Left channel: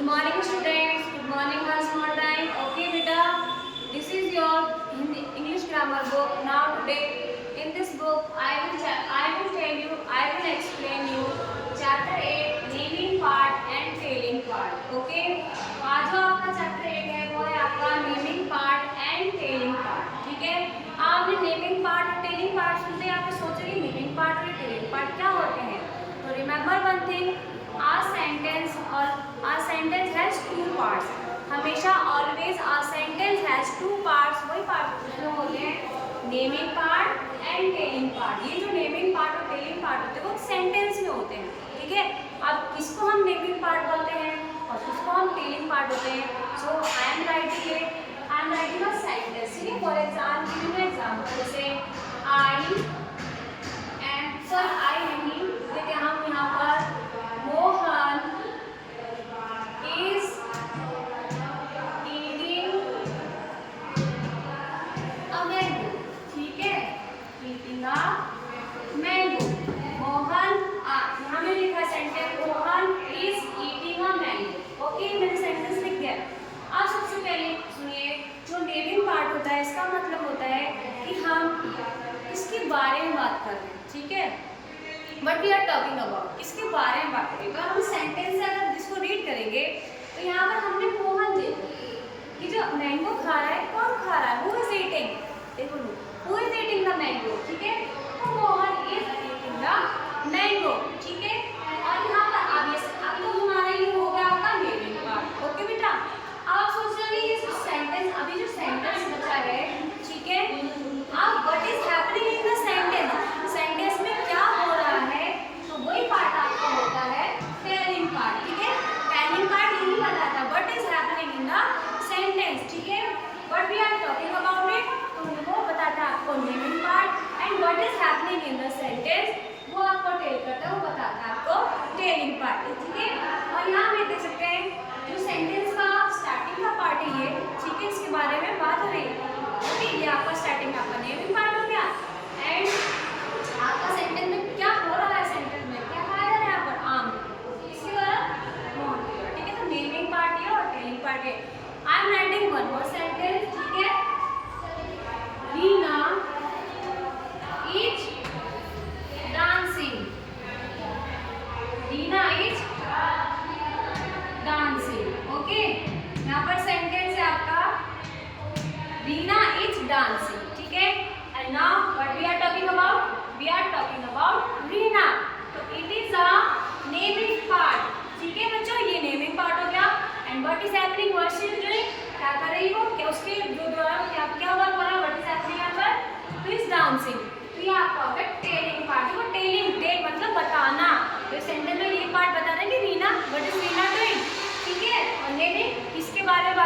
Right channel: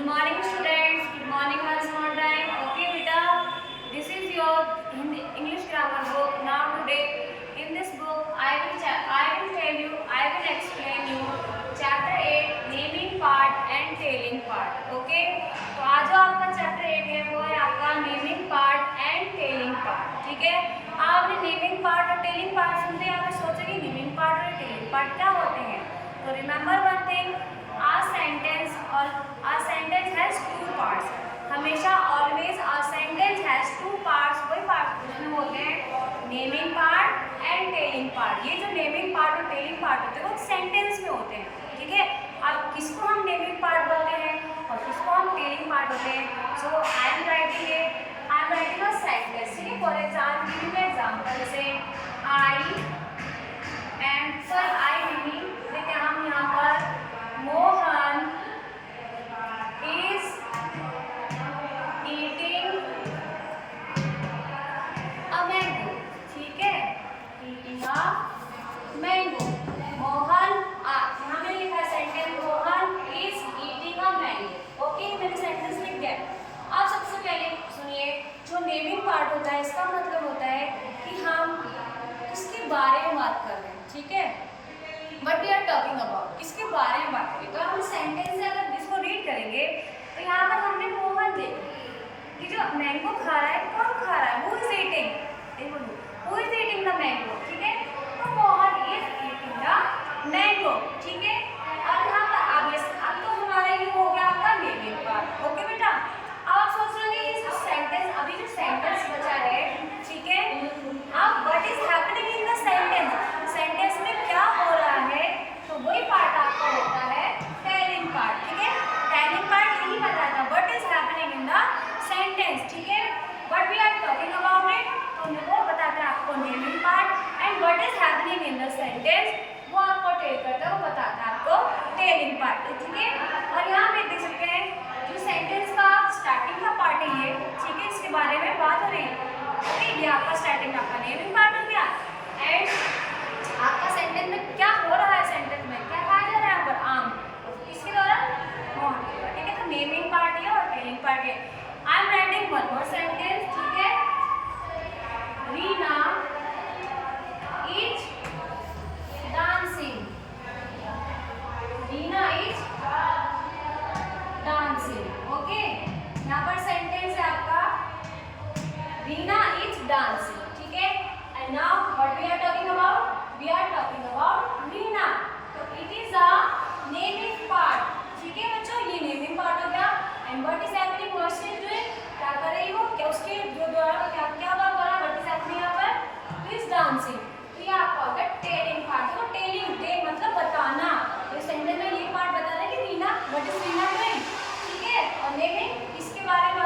Good morning students, good morning once more time. Okay beta, this is your English grammar book. Now today in this book I will tell you, I will explain you chapter 8 naming part and tailing part. Okay, तो आज जो आपका chapter 8 है वो है आपका naming part and telling part. ठीक है, आपने नेमिंग पार्ट और टेलिंग पार्ट सुनते हैं आपने सोचा कि नेमिंग पार्ट और टेलिंग पार्ट क्या होते हैं. तो remember one thing, a sentence has two parts. हमेशा always a sentence has two parts. वही पार्ट इसमें होते हैं naming part and telling part. ये जो नेमिंग पार्ट और टेलिंग पार्ट होते हैं वो सेंटेंस में होते हैं. ठीक है, अब किसको हम नेमिंग पार्ट बोलते हैं और किसको हम टेलिंग पार्ट होते हैं. So I am writing a sentence. ठीक है, फॉर एग्जाम्पल से आई नहीं देखते हम यहाँ पर Mohan is eating a mango. ठीक है, eating a mango. मोहन यहाँ मैंने लिखा है sentence Mohan is eating a mango. Okay, मैंने सेंटेंस लिख दिया. अब सबसे पहले सुनिए, जो नेमिंग पार्ट होता है इसका मतलब होता है कि हम किसके बारे में बात कर रहे हैं. ठीक है, but we are talking about किसके बारे में बात करेंगे. तो हम सेंटेंस से अगर इसको रीड करेंगे तो यहाँ पर हमने मोहन देखा कि जो मैंगो खा रहा है कौन खा रहा है, हु इज ईटिंग. देखो who is eating the mango. ठीक है, तो Mohan is eating the mango. ठीक है, और यहाँ पर अब तो हमारा ये हो गया आपका नेमिंग पार्ट. ओके बेटा, अब आप सोच रहे होंगे इस सेंटेंस, अभी जो सेंटेंस बचा है. ठीक है, अब what is happening in the sentence में क्या हो रहा है, तो वही पार्ट आपका होता है टेलिंग पार्ट. ठीक है, टेलिंग पार्ट यही बताता what is happening in the sentence. ठीक है, what we are talking about it, तो वो बताता है आपको naming part and what is happening in the sentence वो आपको टेल करता है, वो बताता है आपको टेलिंग पार्ट. ठीक है, और यहाँ पे देख सकते हैं जो सेंटेंस का स्टार्टिंग का पार्ट है ये. ठीक है, इसके बारे में बात हो रही है. ओके, ये आपका स्टार्टिंग आपका नेमिंग पार्ट हो गया. एंड आपका सेंटेंस में क्या हो रहा है, सेंटेंस में क्या कहा जा रहा है यहाँ पर, आम. किसके द्वारा, मोहन के द्वारा. ठीक है, तो नेमिंग पार्ट ये और टेलिंग पार्ट ये. आई am writing one more sentence. ठीक है, Reena is dancing. Reena is dancing. Okay, यहाँ पर सेंटेंस है आपका रीना इज डांसिंग. ठीक है, and now what we are talking about, we are talking about Reena. तो it is a naming part. ठीक है बच्चों, ये नेमिंग पार्ट हो गया. and what is happening, what she is doing, क्या कर रही हो, क्या उसके जो द्वारा क्या वर्क हो रहा है, what is happening यहाँ पर, तो इज डांसिंग. तो ये आपका होगा टेलिंग पार्ट. देखो टेलिंग, टेल मतलब बताना. तो इस सेंटेंस में ये पार्ट बता रहे हैं कि Reena, what is Reena doing. ठीक है, और नेमिंग किसके बारे में